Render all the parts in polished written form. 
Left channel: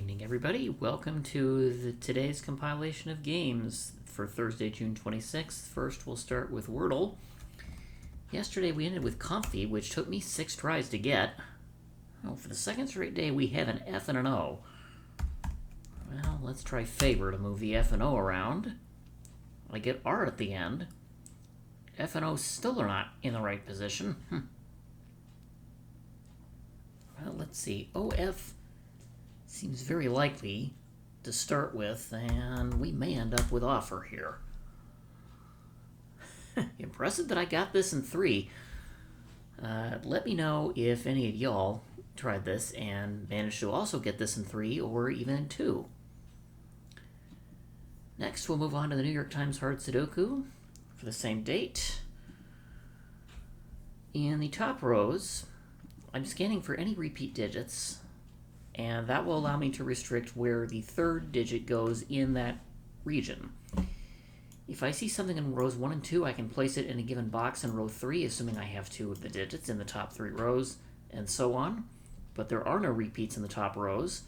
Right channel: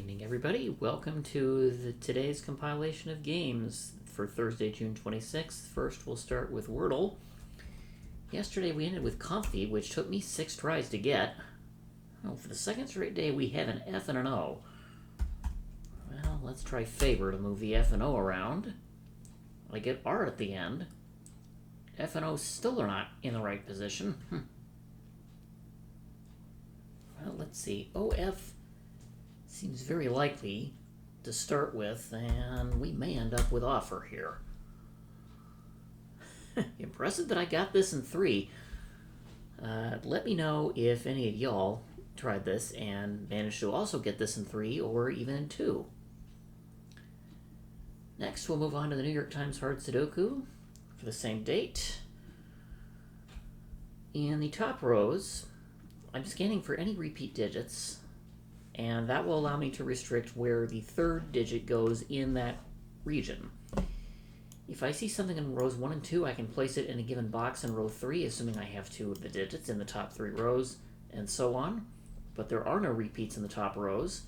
evening, everybody. Welcome to today's compilation of games for Thursday, June 26th. First, we'll start with Wordle. Yesterday, we ended with Comfy, which took me 6 tries to get. Oh, for the second straight day, we have an F and an O. Well, let's try Favor to move the F and O around. I get R at the end. F and O still are not in the right position. Well, let's see. OF seems very likely to start with, and we may end up with Offer here. Impressive that I got this in 3. Let me know if any of y'all tried this and managed to also get this in 3 or even in 2. Next, we'll move on to the New York Times Hard Sudoku for the same date. In the top rows, I'm scanning for any repeat digits, and that will allow me to restrict where the third digit goes in that region. If I see something in rows 1 and 2, I can place it in a given box in row 3, assuming I have 2 of the digits in the top 3 rows, and so on. But there are no repeats in the top rows.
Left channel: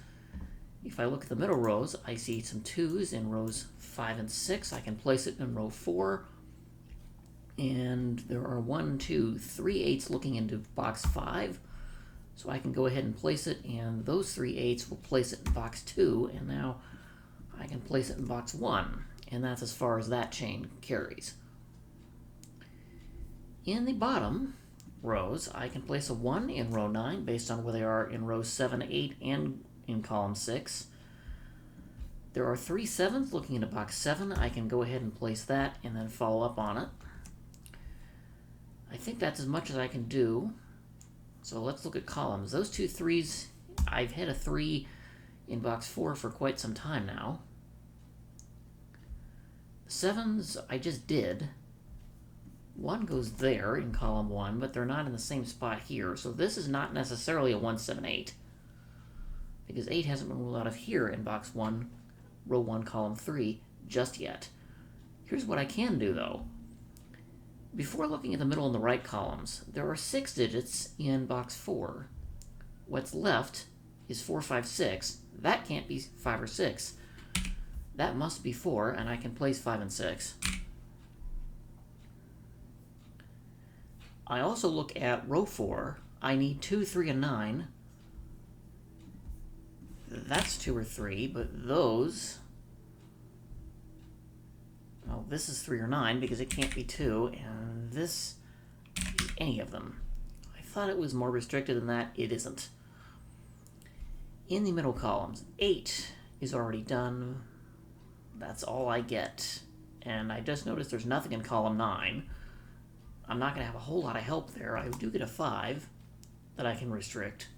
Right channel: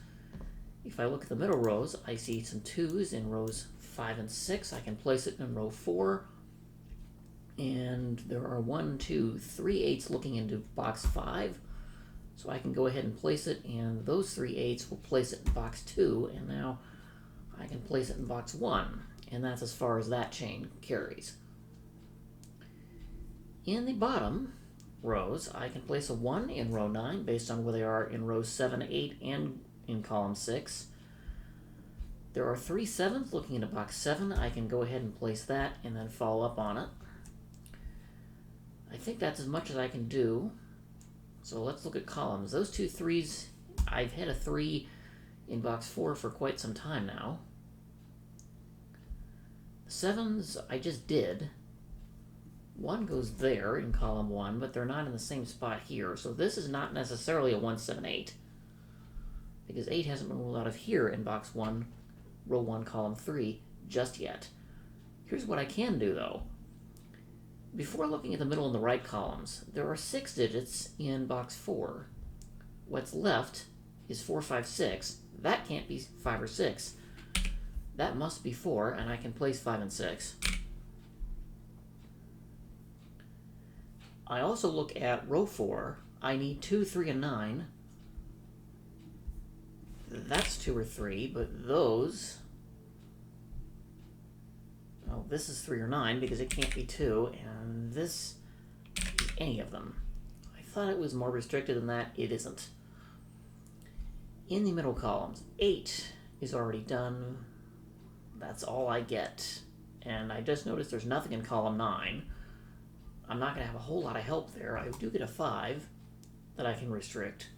If I look at the middle rows, I see some 2s in rows 5 and 6. I can place it in row 4. And there are 1, 2, 3 8s looking into box 5. So I can go ahead and place it, and those 3 8s will place it in box 2, and now I can place it in box 1, and that's as far as that chain carries. In the bottom rows, I can place a 1 in row 9 based on where they are in rows 7, 8, and in column 6. There are 3 7s looking into box 7. I can go ahead and place that and then follow up on it. I think that's as much as I can do. So let's look at columns. Those 2 3s, I've had a 3 in box 4 for quite some time now. The 7s, I just did. 1 goes there in column 1, but they're not in the same spot here. So this is not necessarily a 1, 7, 8. Because 8 hasn't been ruled out of here in box 1, row 1, column 3, just yet. Here's what I can do, though. Before looking at the middle and the right columns, there are 6 digits in box 4. What's left is 4, 5, 6. That can't be 5 or 6. That must be 4, and I can place 5 and 6. I also look at row 4. I need 2, 3, and 9. That's 2 or 3, but those... Well, this is 3 or 9 because it can't be 2, and this is any of them. I thought it was more restricted than that. It isn't. In the middle columns, 8 is already done. That's all I get. And I just noticed there's nothing in column 9. I'm not going to have a whole lot of help there. I do get a 5 that I can restrict,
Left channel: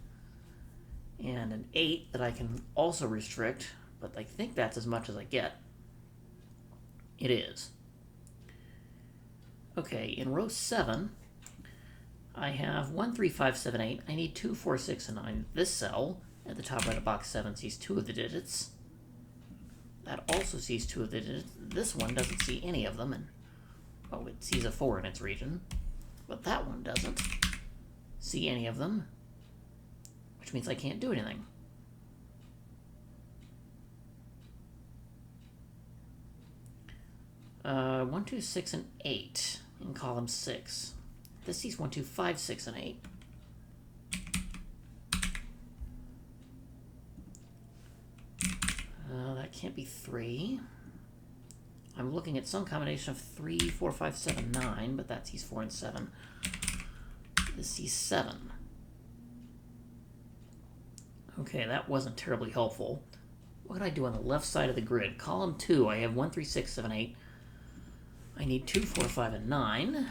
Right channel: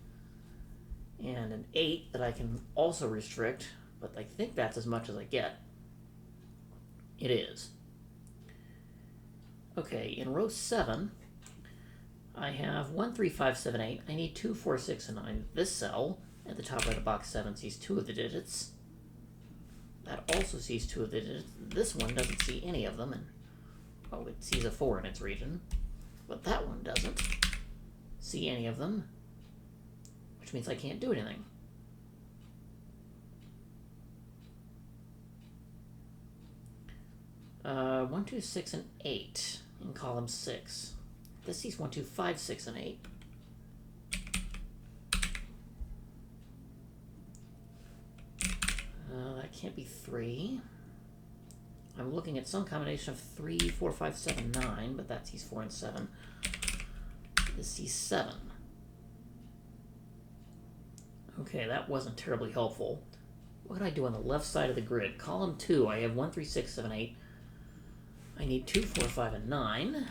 and an 8 that I can also restrict, but I think that's as much as I get. It is. Okay, in row 7, I have 1, 3, 5, 7, 8. I need 2, 4, 6, and 9. This cell at the top right of box 7 sees 2 of the digits. That also sees 2 of the digits. This one doesn't see any of them, and oh, it sees a 4 in its region. But that one doesn't see any of them, which means I can't do anything. 1, 2, 6, and 8 in column 6. This sees 1, 2, 5, 6, and 8. That can't be 3. I'm looking at some combination of 3, 4, 5, 7, 9, but that sees 4 and 7. This sees 7. Okay, that wasn't terribly helpful. What can I do on the left side of the grid? Column 2, I have 1, 3, 6, 7, 8. I need 2, 4, 5, and 9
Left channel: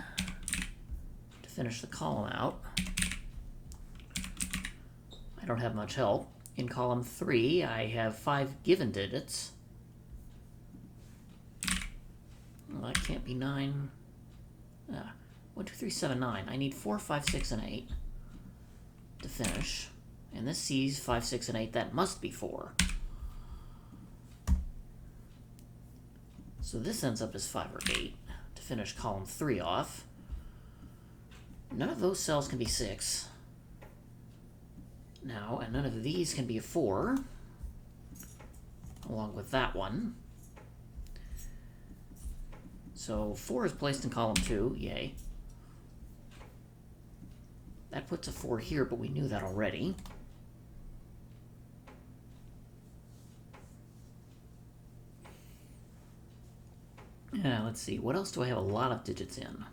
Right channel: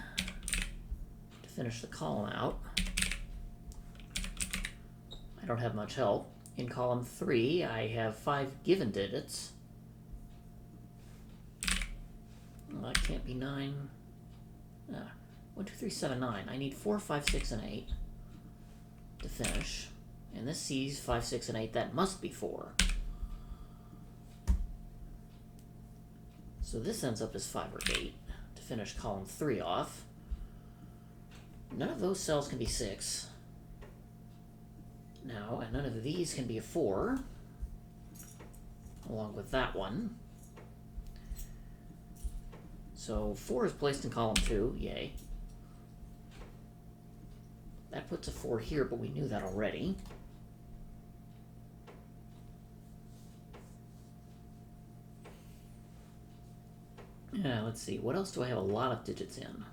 to finish the column out. I don't have much help. In column 3, I have 5 given digits. Well, that can't be 9. 1, 2, 3, 7, 9. I need 4, 5, 6, and 8 to finish. And this sees 5, 6, and 8. That must be 4. So this ends up as 5 or 8 to finish column 3 off. None of those cells can be 6. now, and none of these can be a 4. along with that one. So 4 is placed in column 2, yay. That puts a 4 here, but we knew that already. Let's see, what else do I have a lot of digits in?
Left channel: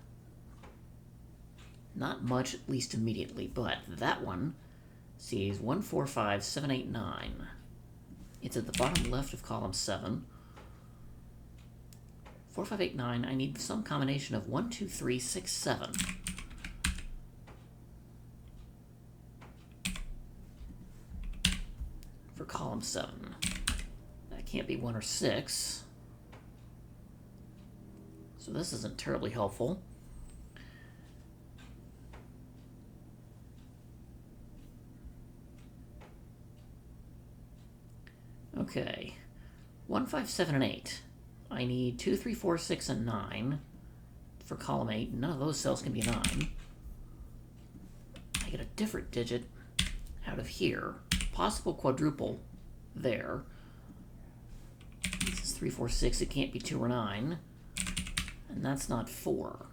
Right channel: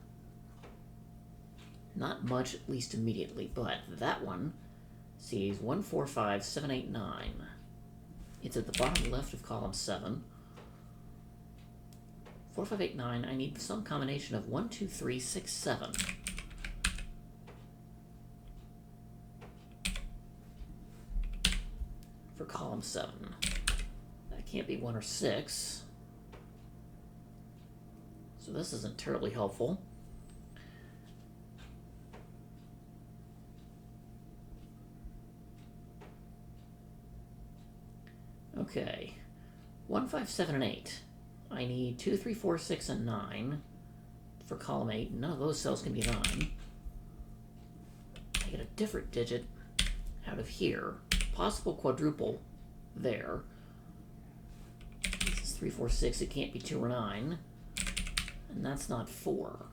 Not much, at least immediately, but that one sees 1, 4, 5, 7, 8, 9. It's at the bottom left of column 7. 4, 5, 8, 9, I need some combination of 1, 2, 3, 6, 7. For column 7. That can't be 1 or 6. So this isn't terribly helpful. Okay. 1, 5, 7, and 8. I need 2, 3, 4, 6, and 9 for column 8. None of those cells can be 9. I get a different digit out of here. Possible quadruple there. This is 3, 4, 6. It can't be 2 or 9. And that's not 4.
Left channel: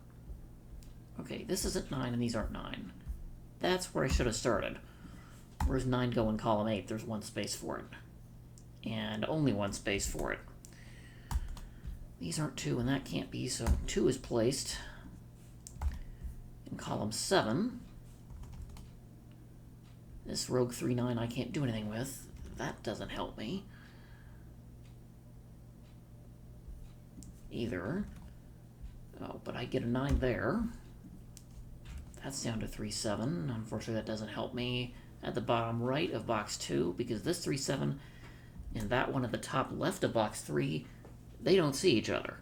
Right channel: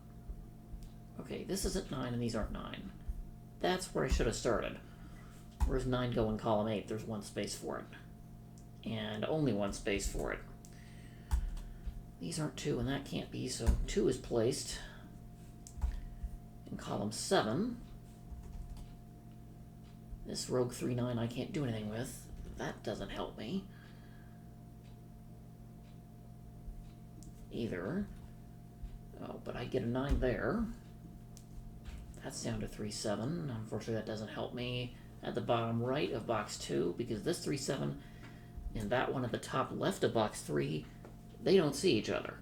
Okay, this isn't 9 and these aren't 9. That's where I should have started. Whereas 9 go in column 8, there's 1 space for it. And only 1 space for it. These aren't 2 and that can't be, so 2 is placed in column 7. This rogue 3, 9 I can't do anything with. That doesn't help me. Either. Oh, but I get a 9 there. That's down to 3, 7. Unfortunately, that doesn't help me at the bottom right of box 2, because this 3, 7 and that one at the top left of box 3, they don't see each other.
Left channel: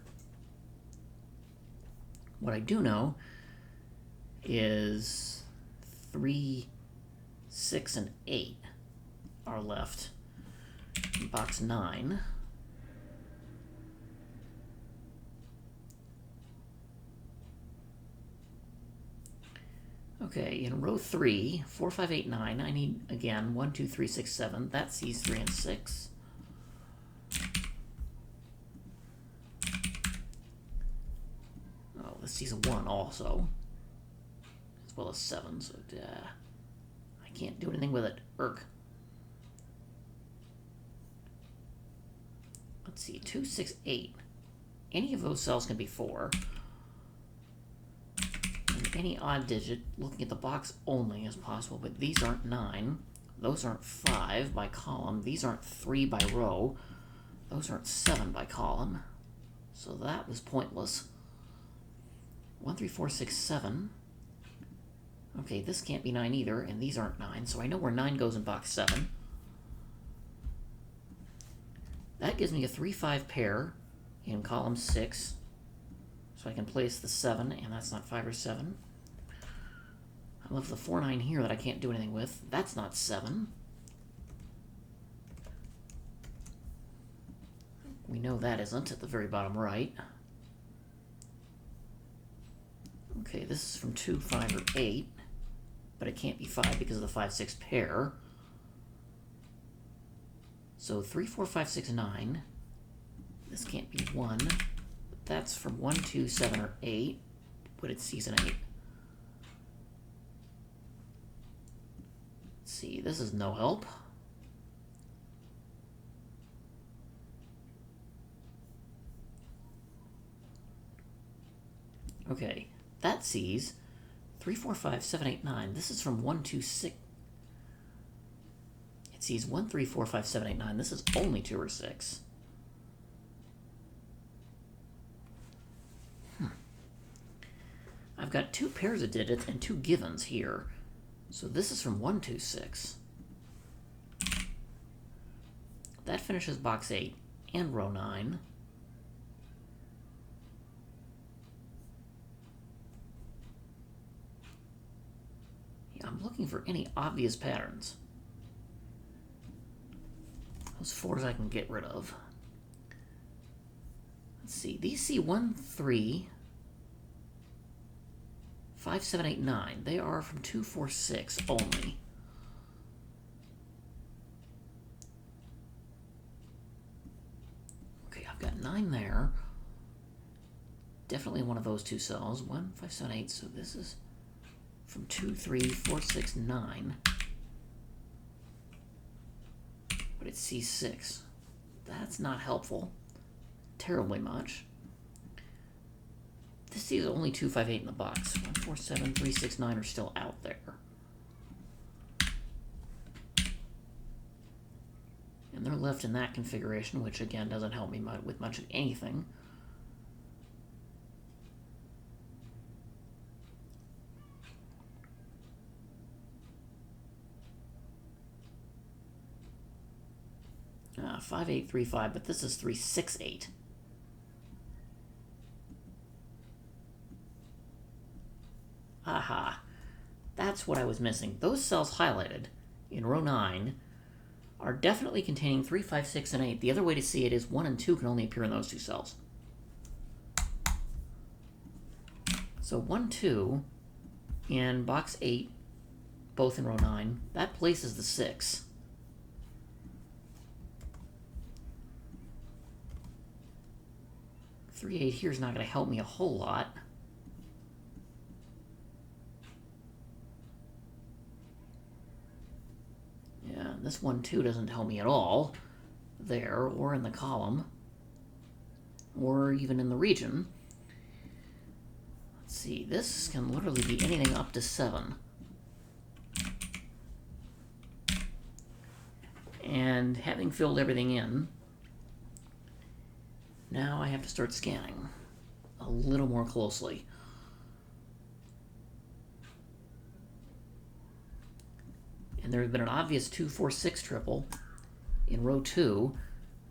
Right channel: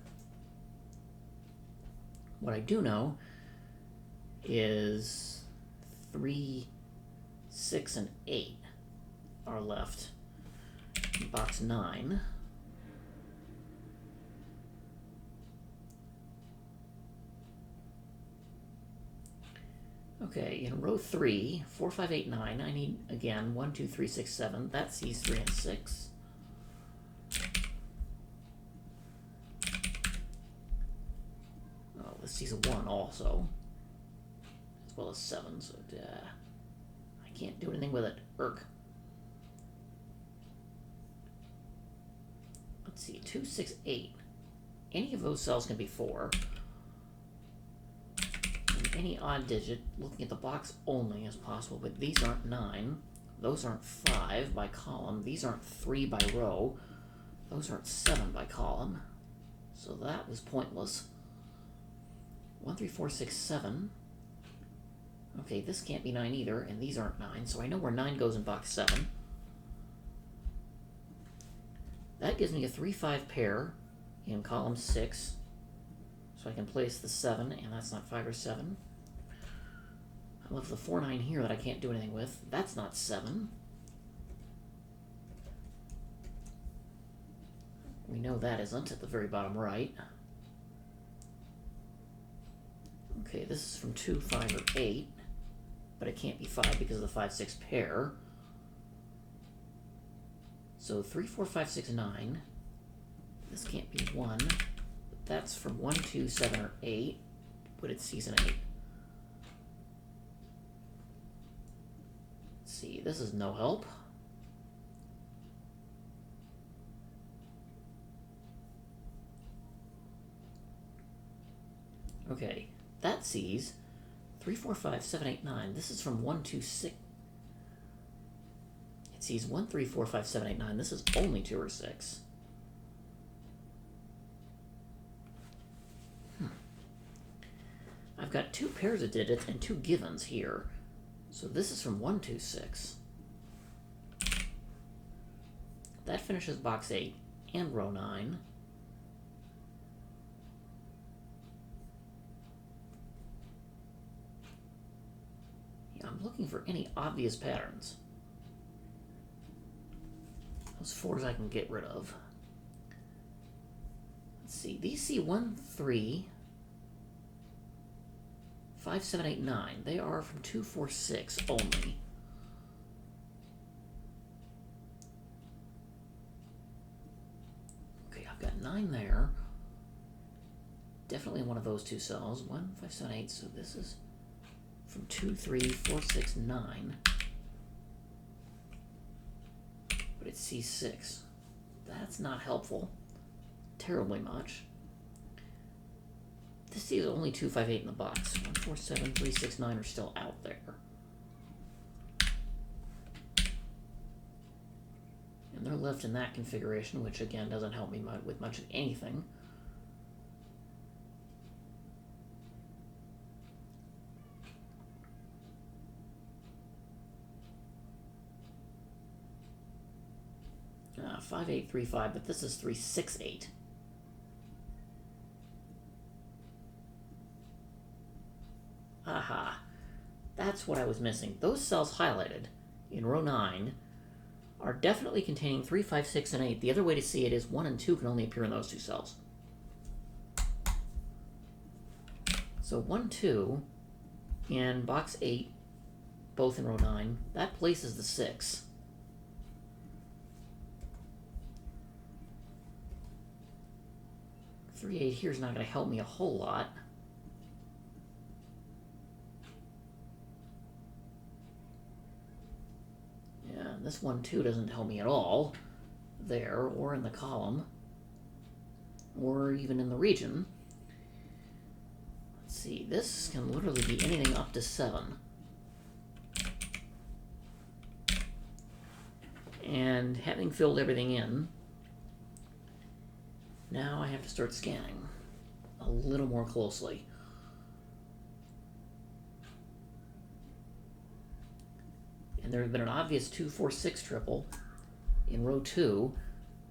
What I do know is 3, 6, and 8 are left in box 9. Okay, in row 3, 4, 5, 8, 9, I need, again, 1, 2, 3, 6, 7. That sees 3 and 6. Oh, this sees a 1 also, as well as 7, so I can't do anything with it. Erg. Let's see, 2, 6, 8. Any of those cells can be 4. And any odd digit, looking at the box only, is possible, but these aren't 9. Those aren't 5 by column. These aren't 3 by row. Those aren't 7 by column. So that was pointless. 1, 3, 4, 6, 7. Okay, this can't be 9 either, and these aren't 9, so I know where 9 goes in box 7. That gives me a 3, 5 pair in column 6. So I can place the 7, and that's not 5 or 7. I left the 4, 9 here that I can't do anything with. That's not 7. We know that isn't at the very bottom right. Okay, this is from 2, 5, or 8. But it can't be 5 because of the 5, 6 pair. So 3, 4, 5, 6, 9. This can't be 1. That's from 1, 2, 7, or 8, but it's season 8. Let's see, this is no help. Okay, that sees 3, 4, 5, 7, 8, 9. This is from 1, 2, 6. It sees 1, 3, 4, 5, 7, 8, 9. This is only 2 or 6. I've got 2 pairs of digits and 2 givens here. So this is from 1, 2, 6. That finishes box 8 and row 9. Yeah, I'm looking for any obvious patterns. Those 4s I can get rid of. Let's see, these see 1, 3... 5, 7, 8, 9. They are from 2, 4, 6 only. I've got 9 there. Definitely one of those two cells. 1, 5, 7, 8. So this is from 2, 3, 4, 6, 9. But it's C6. That's not helpful. Terribly much. This is only 2, 5, 8 in the box. 1, 4, 7, 3, 6, 9 are still out there. And they're left in that configuration, which again doesn't help me with much of anything. Five, 8, 3, 5, but this is 3, 6, 8. Aha. That's what I was missing. Those cells highlighted in row 9 are definitely containing 3, 5, 6, and 8. The other way to see it is 1 and 2 can only appear in those two cells. So 1, 2 in box 8, both in row 9, that places the 6. 3, 8 here is not going to help me a whole lot. Yeah, this 1, 2 doesn't help me at all there, or in the column, or even in the region. Let's see, this can literally be anything up to 7. And having filled everything in, now I have to start scanning a little more closely. And there has been an obvious 2, 4, 6 triple in row 2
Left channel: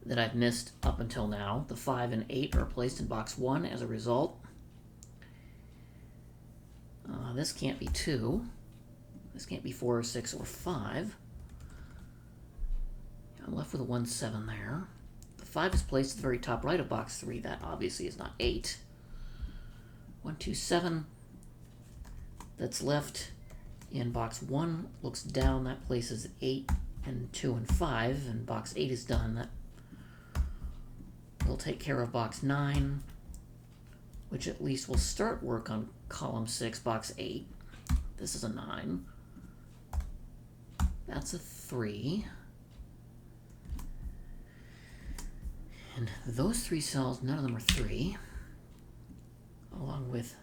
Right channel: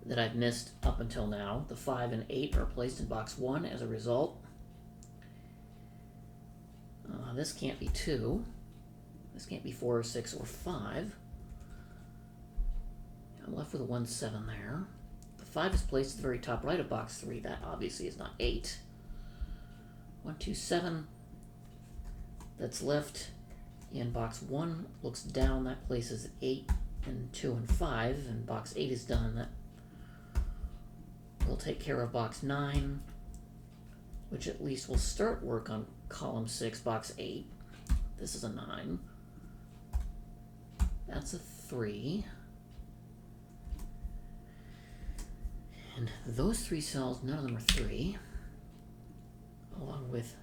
that I've missed up until now. The 5 and 8 are placed in box 1 as a result. This can't be 2. This can't be 4 or 6 or 5. I'm left with a 1, 7 there. The 5 is placed at the very top right of box 3. That obviously is not 8. 1, 2, 7. That's left in box 1. Looks down. That places 8 and 2 and 5. And box 8 is done. That will take care of box 9, which at least will start work on column 6, box 8. This is a 9. That's a 3. And those 3 cells, none of them are 3. Along with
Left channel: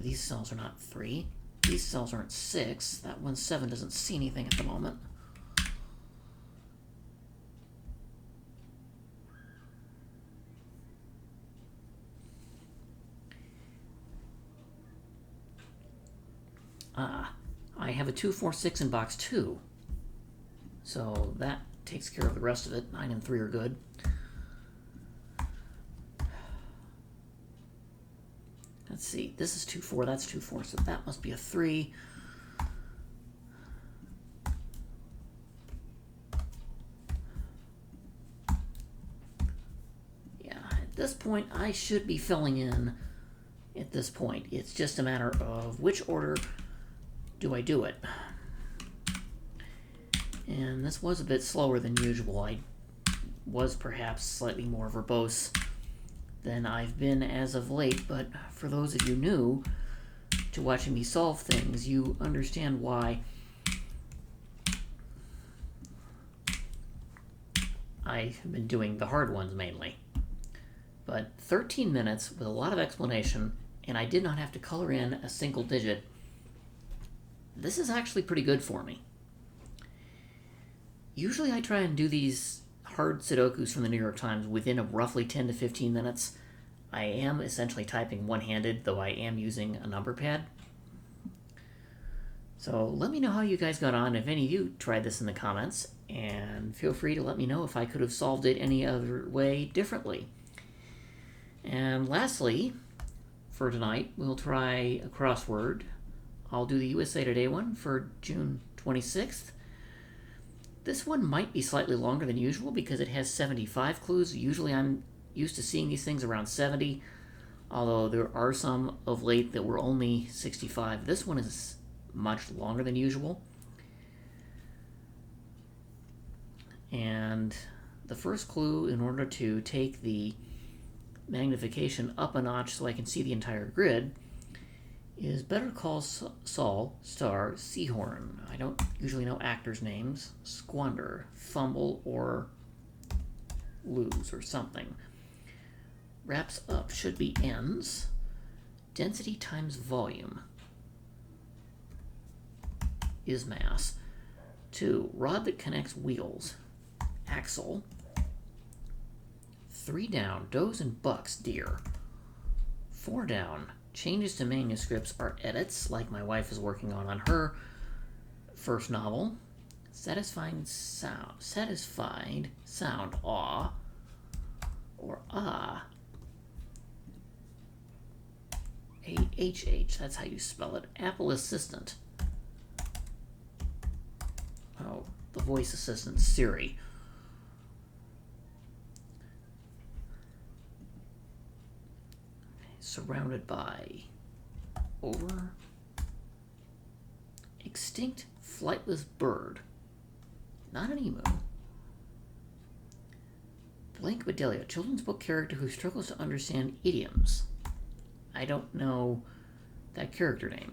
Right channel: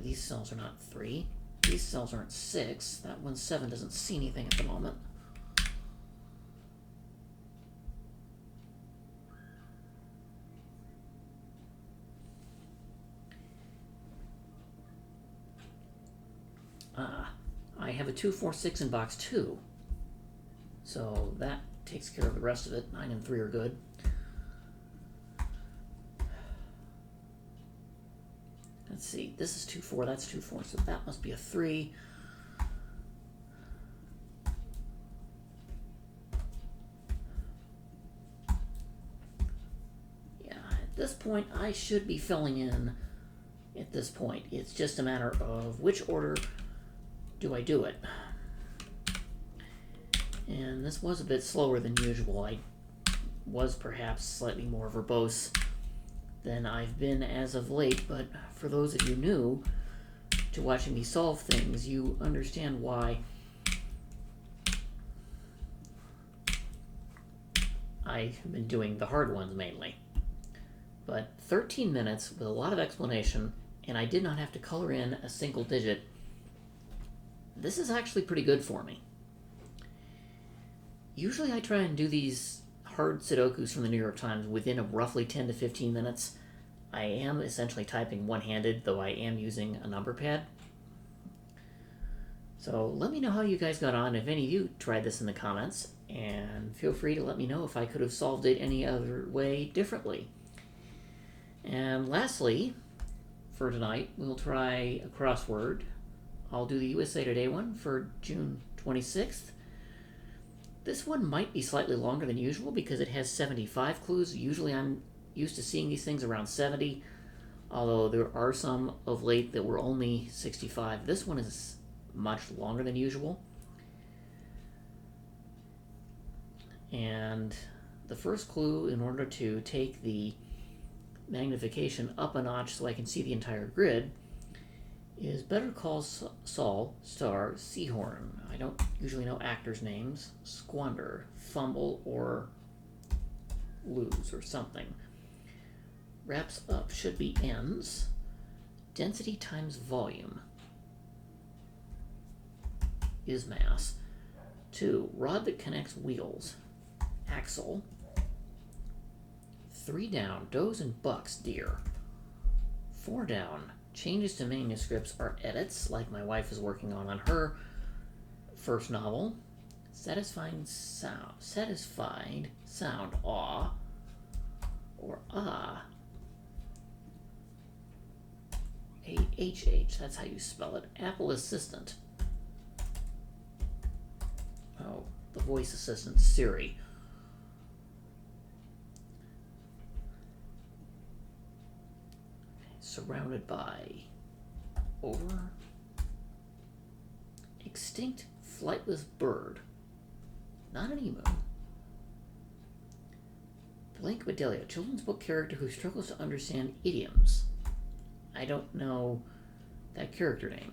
these cells are not 3. These cells aren't 6. That 1, 7 doesn't see anything at the moment. I have a 2, 4, 6 in box 2. So that takes care of the rest of it. 9 and 3 are good. Let's see. This is 2, 4. That's 2, 4. So that must be a 3. Yeah, at this point, I should be filling in at this point. It's just a matter of which order do I do it. And this was a bit slower than usual. I was perhaps slightly more verbose than I've been as of late, but for those of you new to watching me solve things, you understand why I have been doing the hard ones mainly. But 13 minutes with a lot of explanation, and I did not have to color in a single digit. This is actually pretty good for me. Usually I try and do these hard Sudokus from the New York Times within a roughly 10 to 15 minutes. I am essentially typing one-handed, though I am using a number pad. So let me know how you guys got on, if any of you tried this in the comments, and feel free to let me know if I could have solved it any other way differently. And lastly, for tonight, we'll try a crossword. I'll do the USA Today one for June 26th. This one might be slightly longer than usual because it has 75 clues. Usually I'm used to seeing these things around 70, although there are some of late that were only 65. This one is much longer than usual. And the first clue, in order to take the magnification up a notch so I can see the entire grid, is Better Call Saul star Seahorn. I don't usually know actors' names. Squander, fumble, or lose, or something. Wraps up should be ends. Density times volume is mass. 2. Rod that connects wheels. Axle. 3 down. Does and bucks deer. 4 down. Changes to manuscripts are edits, like my wife is working on her first novel. Satisfied sound, awe, or ah. A-H-H, that's how you spell it. Apple Assistant. Oh, the voice assistant, Siri. Surrounded by. Over. Extinct flightless bird. Not an emu. Blank Bedelia, children's book character who struggles to understand idioms. I don't know that character name.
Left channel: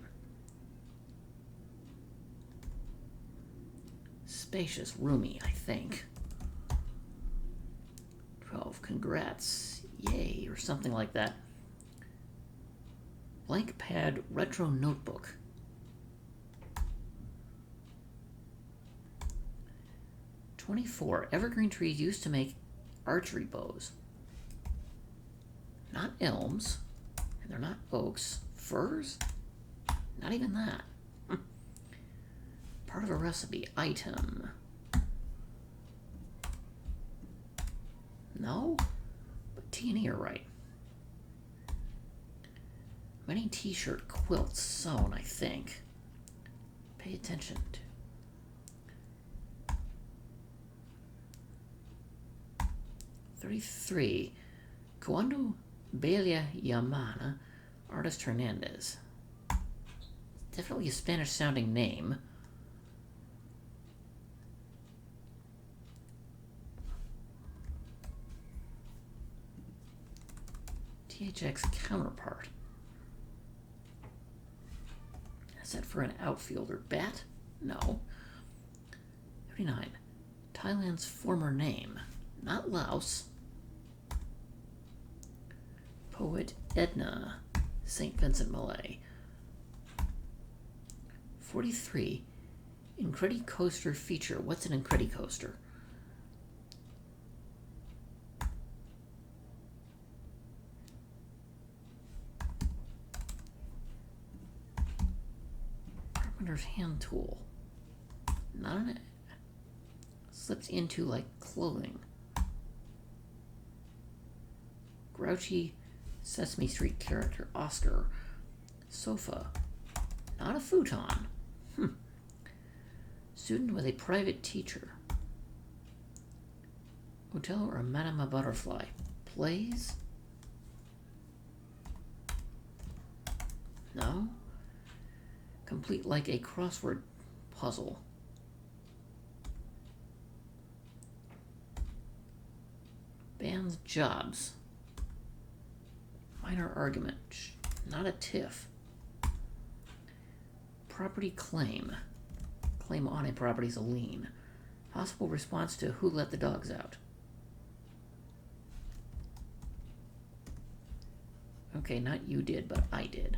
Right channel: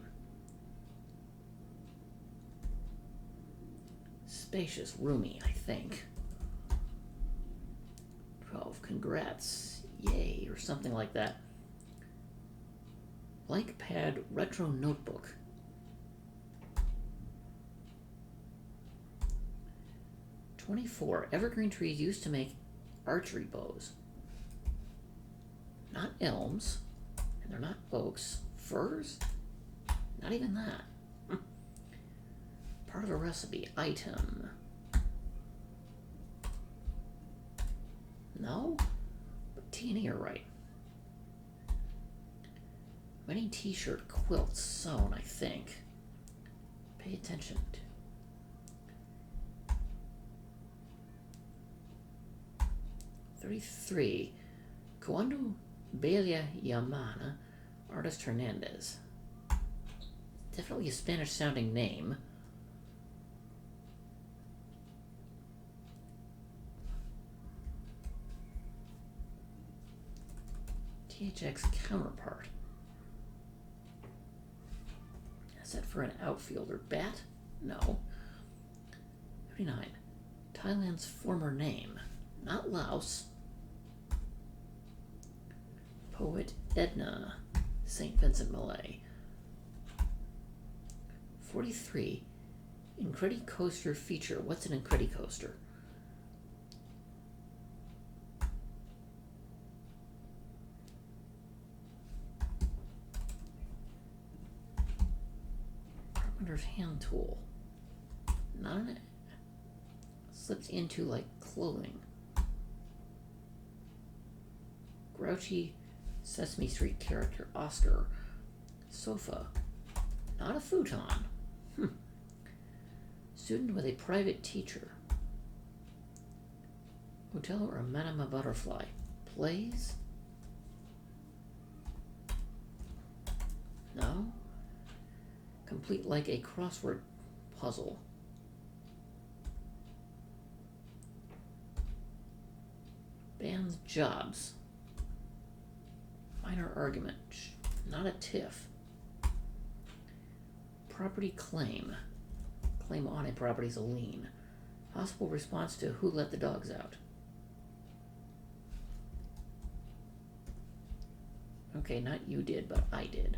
Spacious, roomy, I think. 12, congrats, yay, or something like that. Blank pad, retro notebook. 24, evergreen trees used to make archery bows. Not elms, and they're not oaks. Firs? Not even that. Part of a recipe. Item. No? But T and E are right. Many t-shirt quilts sewn, I think. Pay attention to. $33. Cuando Bella Yamana, artist Hernandez. Definitely a Spanish-sounding name. THX counterpart. Is that for an outfielder? Bat? No. 39. Thailand's former name. Not Laos. Poet Edna, St. Vincent Millay. 43. Incredicoaster feature. What's an Incredicoaster? Carpenter's hand tool. Not an... Slips into like clothing. Grouchy Sesame Street character. Oscar. Sofa. Not a futon. Student with a private teacher. Hotel or Madame Butterfly. Plays? No? Complete like a crossword puzzle. Band's jobs. Minor argument. Not a tiff. Property claim. Claim on a property is a lien. Possible response to who let the dogs out. Okay, not you did, but I did.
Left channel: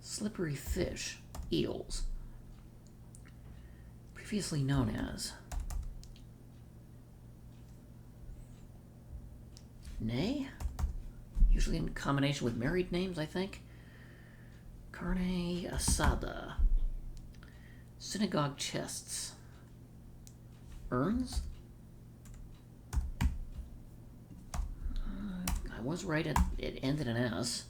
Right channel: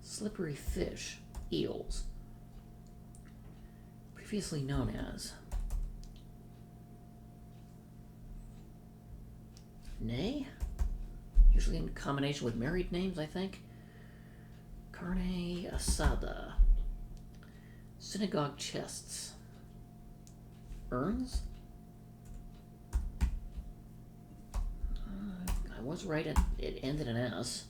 Slippery fish. Eels. Previously known as. Nay? Usually in combination with married names, I think. Carne asada. Synagogue chests. Urns? I was right, it ended in S.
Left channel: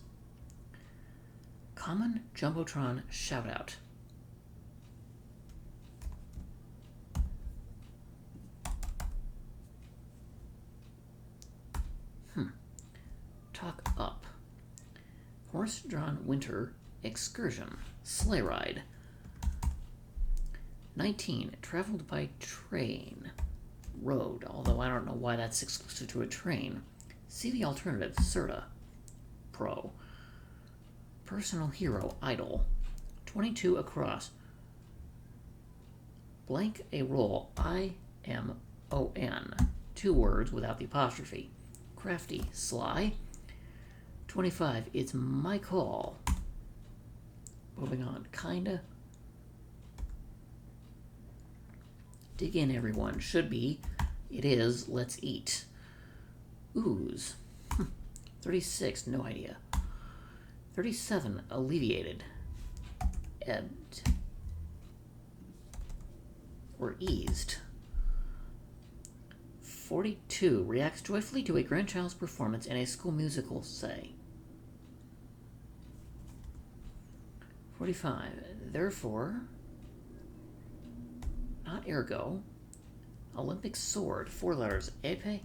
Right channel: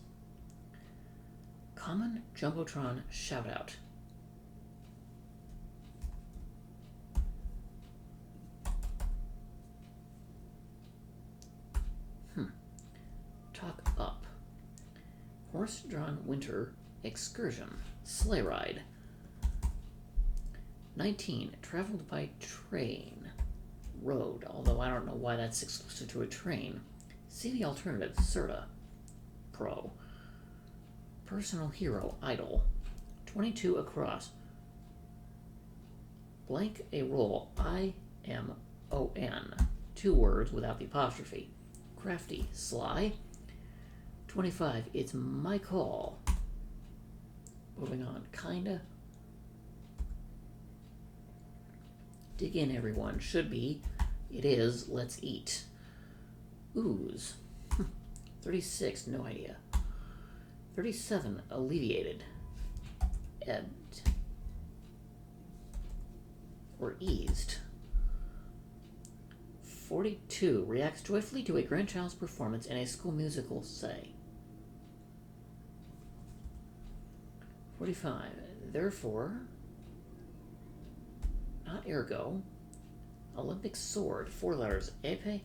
Common Jumbotron shoutout. Talk up. Horse-drawn winter excursion. Sleigh ride. 19. Traveled by train. road, although I don't know why that's exclusive to a train. See the alternative, Serta. Pro. Personal hero, idle. 22 across. Blank a roll, I-M-O-N. 2 words without the apostrophe. Crafty, sly. 25, it's my call. Moving on, kinda. Dig in, everyone. Should be. It is, let's eat. Ooze. 36, no idea. 37, alleviated. Ebbed. Or eased. 42, reacts joyfully to a grandchild's performance in a school musical, say. 45, therefore, not ergo, Olympic sword, 4 letters, epe.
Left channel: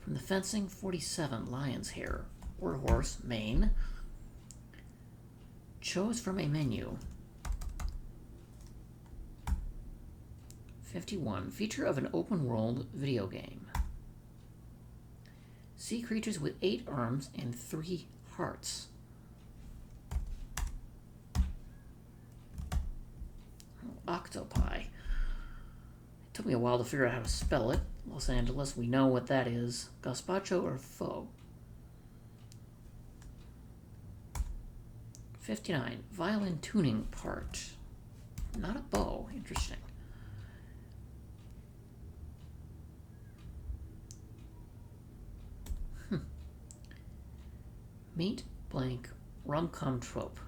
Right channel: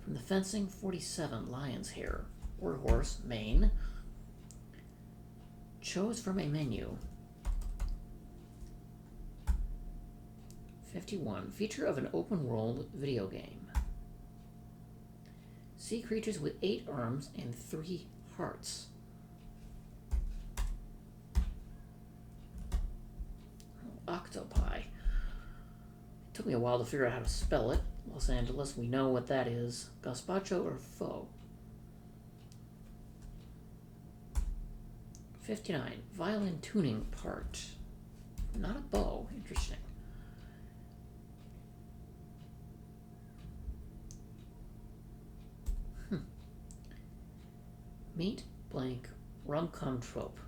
From the fencing, 47, lion's hair, or horse, mane. Chose from a menu. 51, feature of an open world video game. Sea creatures with 8 arms and 3 hearts. Octopi. It took me a while to figure out how to spell it. Los Angeles, we know what that is. Gazpacho or pho. 59, violin tuning part. Not a bow, interesting. Meet blank rom-com trope.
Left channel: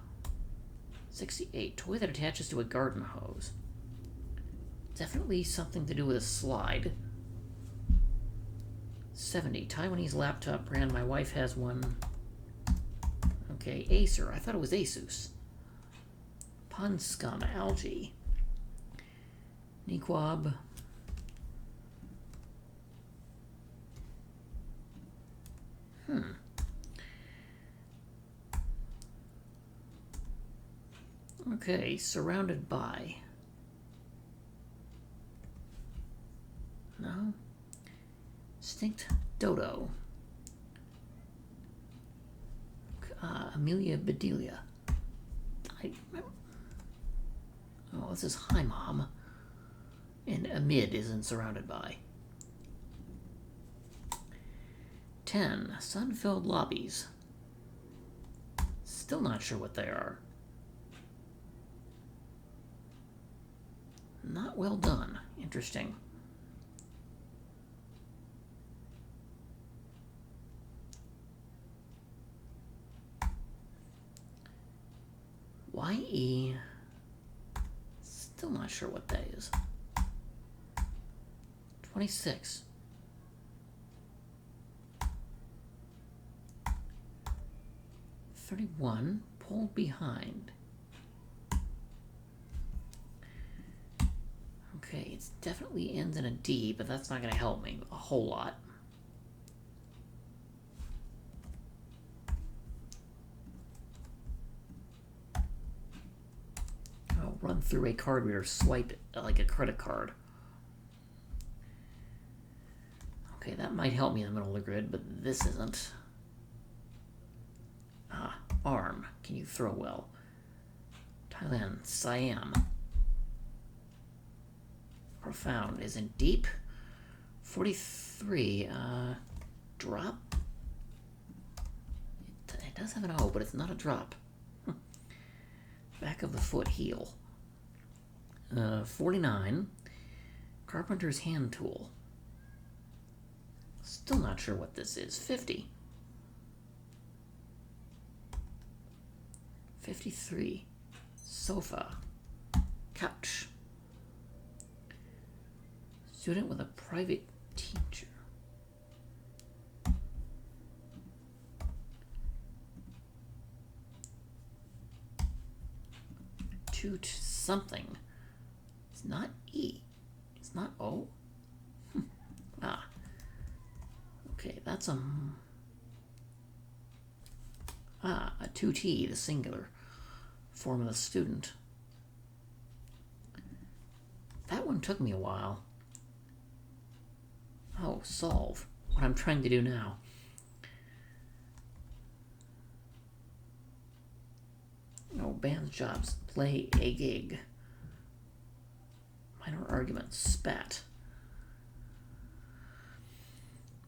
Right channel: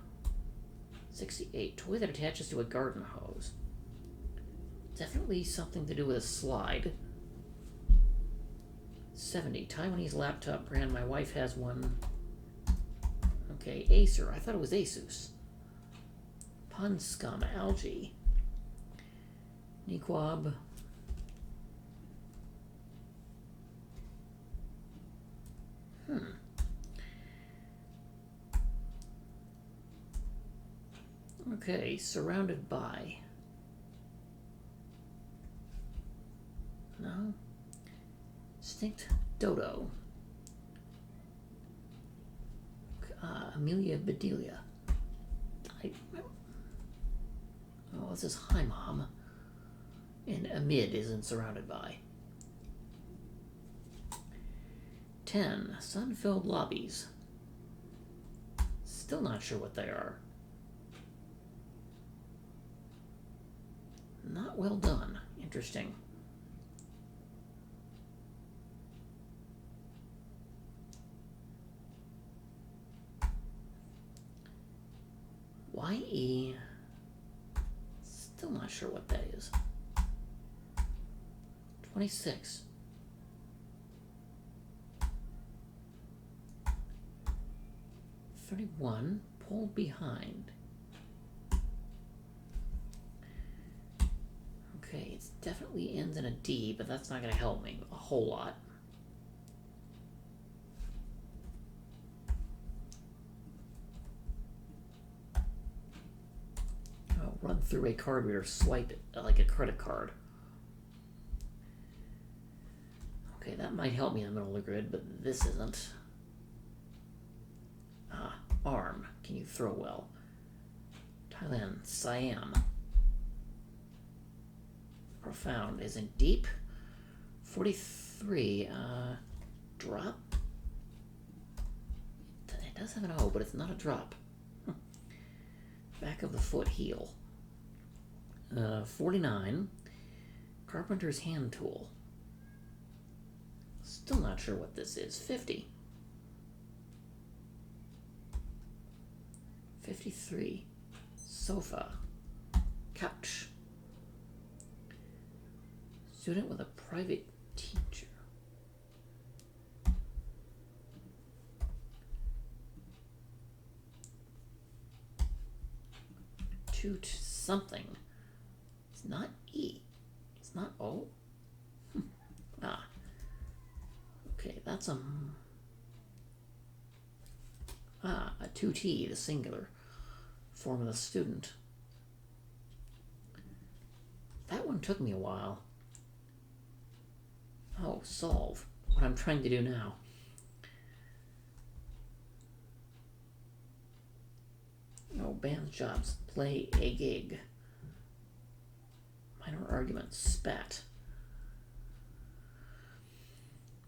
68, toy that attaches to a garden hose. Definitely something to do with a slide. 70, Taiwanese laptop brand. My wife has one. Okay, Acer. I thought it was Asus. Pond scum, algae. Niquab. Okay, surrounded by. No. Stinked dodo. Amelia Bedelia. Oh, this is Hi Mom. And amid isn't surrounded by. 10, sun-filled lobbies. Still not sure what they are. Not well done. Interesting. YE. Still not sure what that is. 26. $31. Pulled behind. Okay, it definitely ends in a D, but that's not going to help me a whole lot. I'll run through a card reader, swipe it like a credit card. Okay, that might help me in the middle of the grid, but this isn't. Arm. Can you throw well? Thailand. Siam. Profound. Isn't deep. 43. Drop. It does have an O, but it's not a drop. Back of the foot, heel. 49. Carpenter's hand tool. Still not sure what this is. 50. 53. Sofa. Couch. Student with a private teacher. Toot something. It's not E. It's not O. Okay, that's a 2T, the singular form of the student. That one took me a while. solve. What I'm trying to do now. Oh, band jobs. Play a gig. Minor arguments. Spat.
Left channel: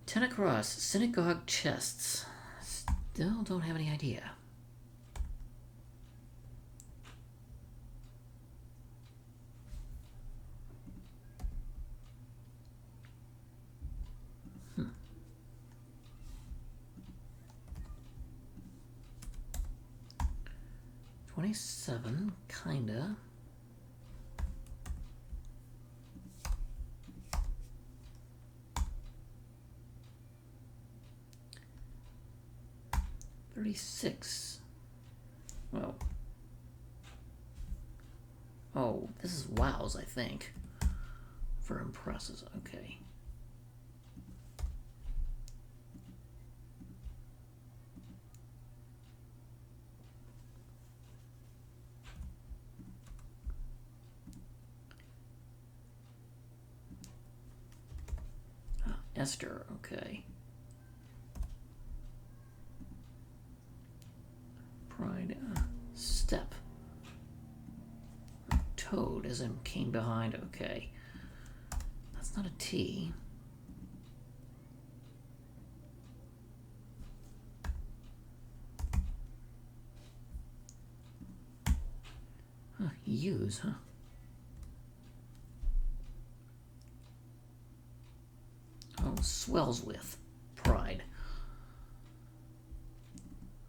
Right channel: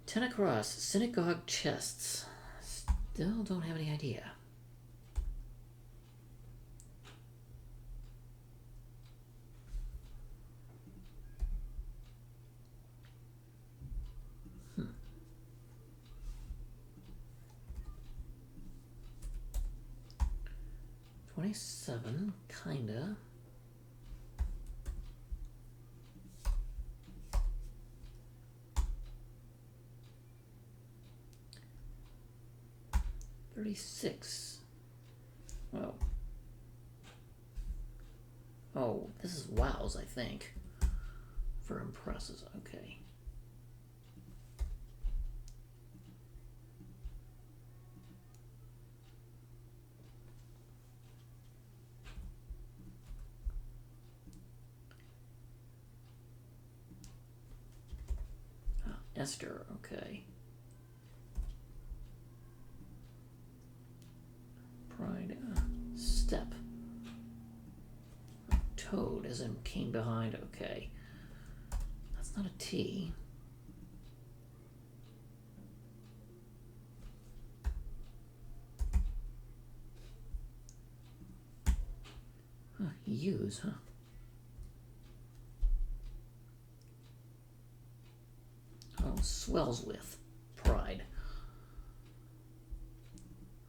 10 across. Synagogue chests. Still don't have any idea. Hmm. 27, kinda. $36. Well. Oh, this is wows, I think. For impresses, okay. Esther, okay. Pride, step. Toad, as in came behind, okay. That's not a T. Huh, use, huh? Oh, swells with. Pride.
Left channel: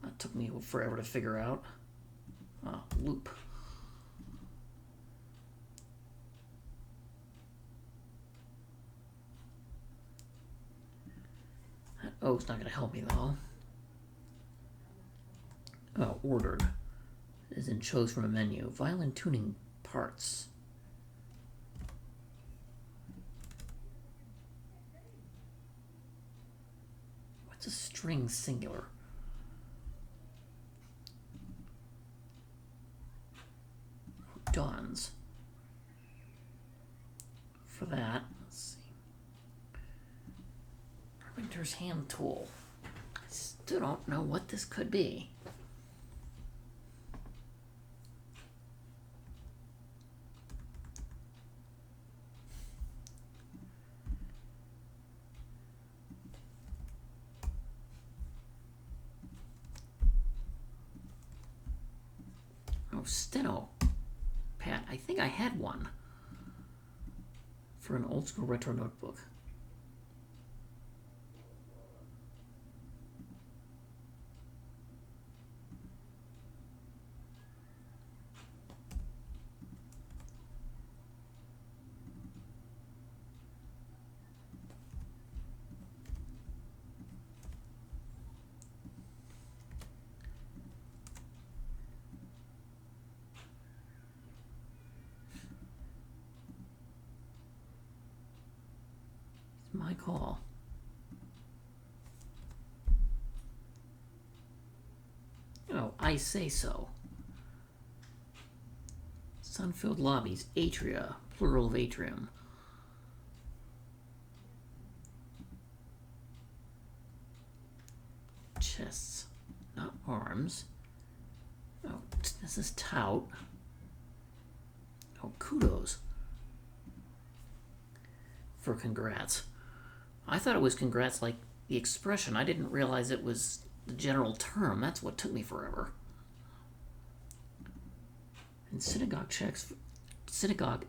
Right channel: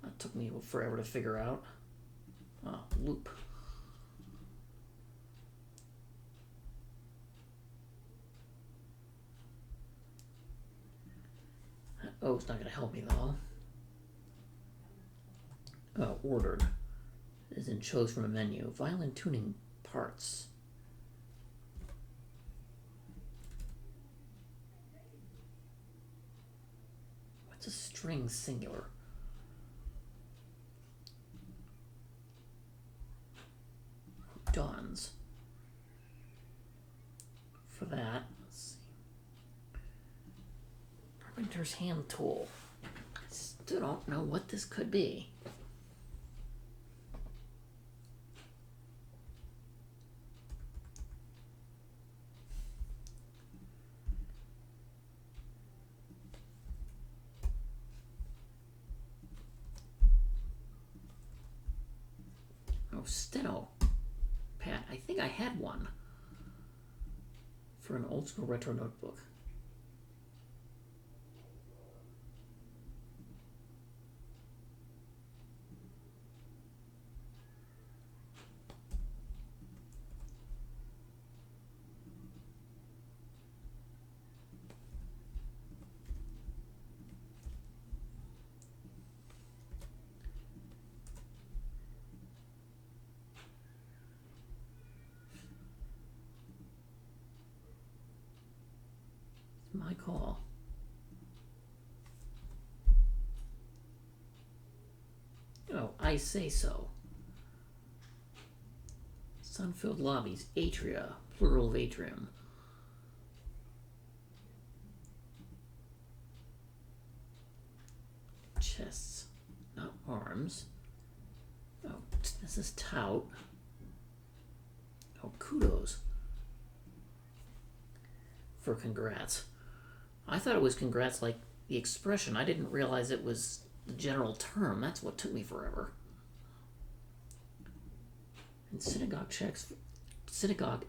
That took me forever to figure out. Loop. That O's not going to help me, though. Oh, ordered. As in chose from a menu. Violin tuning parts. What's a string singular? Dawns. For that, let's see. Carpenter's hand tool. I still don't know what this could be. Oh, steno. Pat, I think I had one for an old school retro notebook. My call. Oh, I say so. Sun-filled lobbies, atria, plural of atrium. Chests, not arms. Oh, this is tout. Oh, kudos. For congrats. I thought it was congrats like the expression. I didn't realize it was the general term. That's what took me forever. And synagogue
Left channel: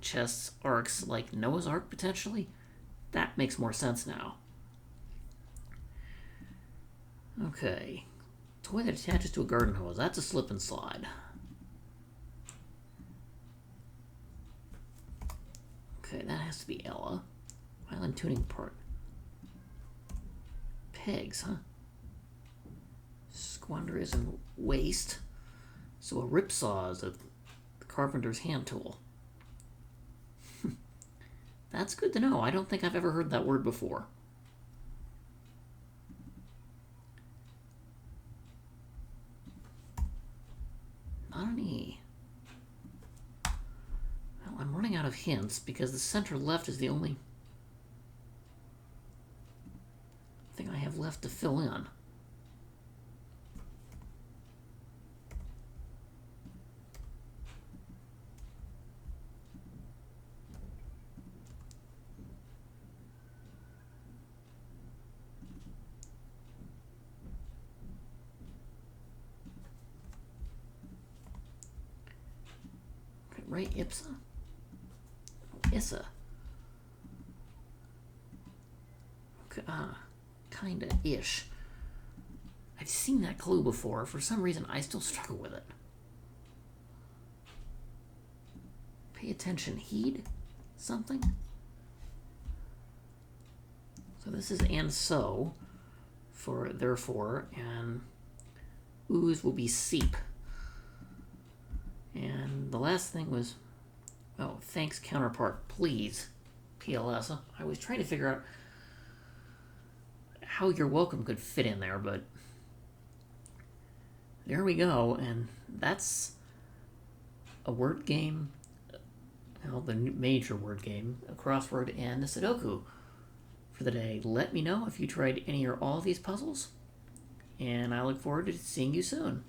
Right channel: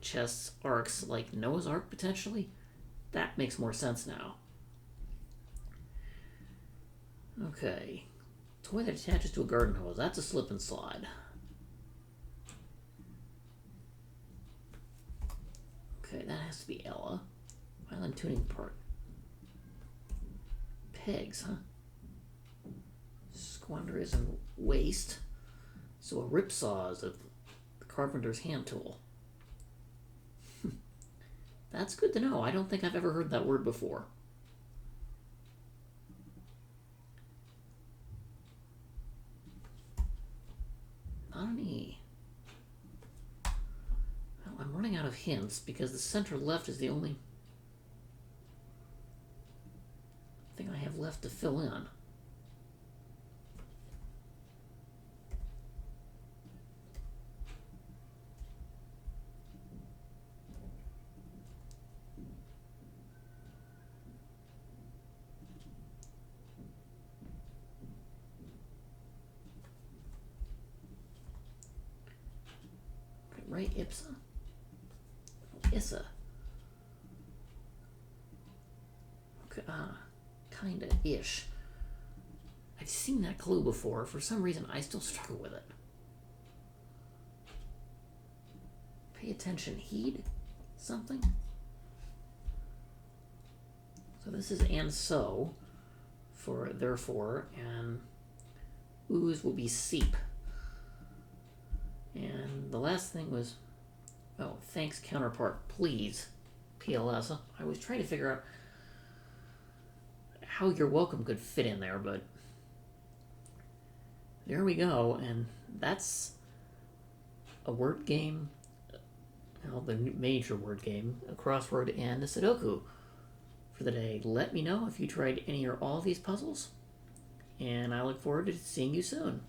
chests arcs like Noah's Ark potentially? That makes more sense now. Okay. Toy that attaches to a garden hose. That's a slip and slide. Okay, that has to be Ella. Violin tuning part. Pegs, huh? Squander is in waste. So a ripsaw is the carpenter's hand tool. That's good to know. I don't think I've ever heard that word before. Not an E. Well, I'm running out of hints because the center left is the only... have left to fill in? Right, Ipsa? Issa. Kinda ish. I've seen that clue before. For some reason, I still struggle with it. Pay attention. Heed? Something? So this is and so for therefore, and ooze will be seep. And the last thing was, oh, thanks counterpart, please, PLS. I was trying to figure out how you're welcome could fit in there, but there we go, and that's a word game, well, the major word game, a crossword, and a Sudoku for the day. Let me know if you tried any or all of these puzzles, and I look forward to seeing you soon.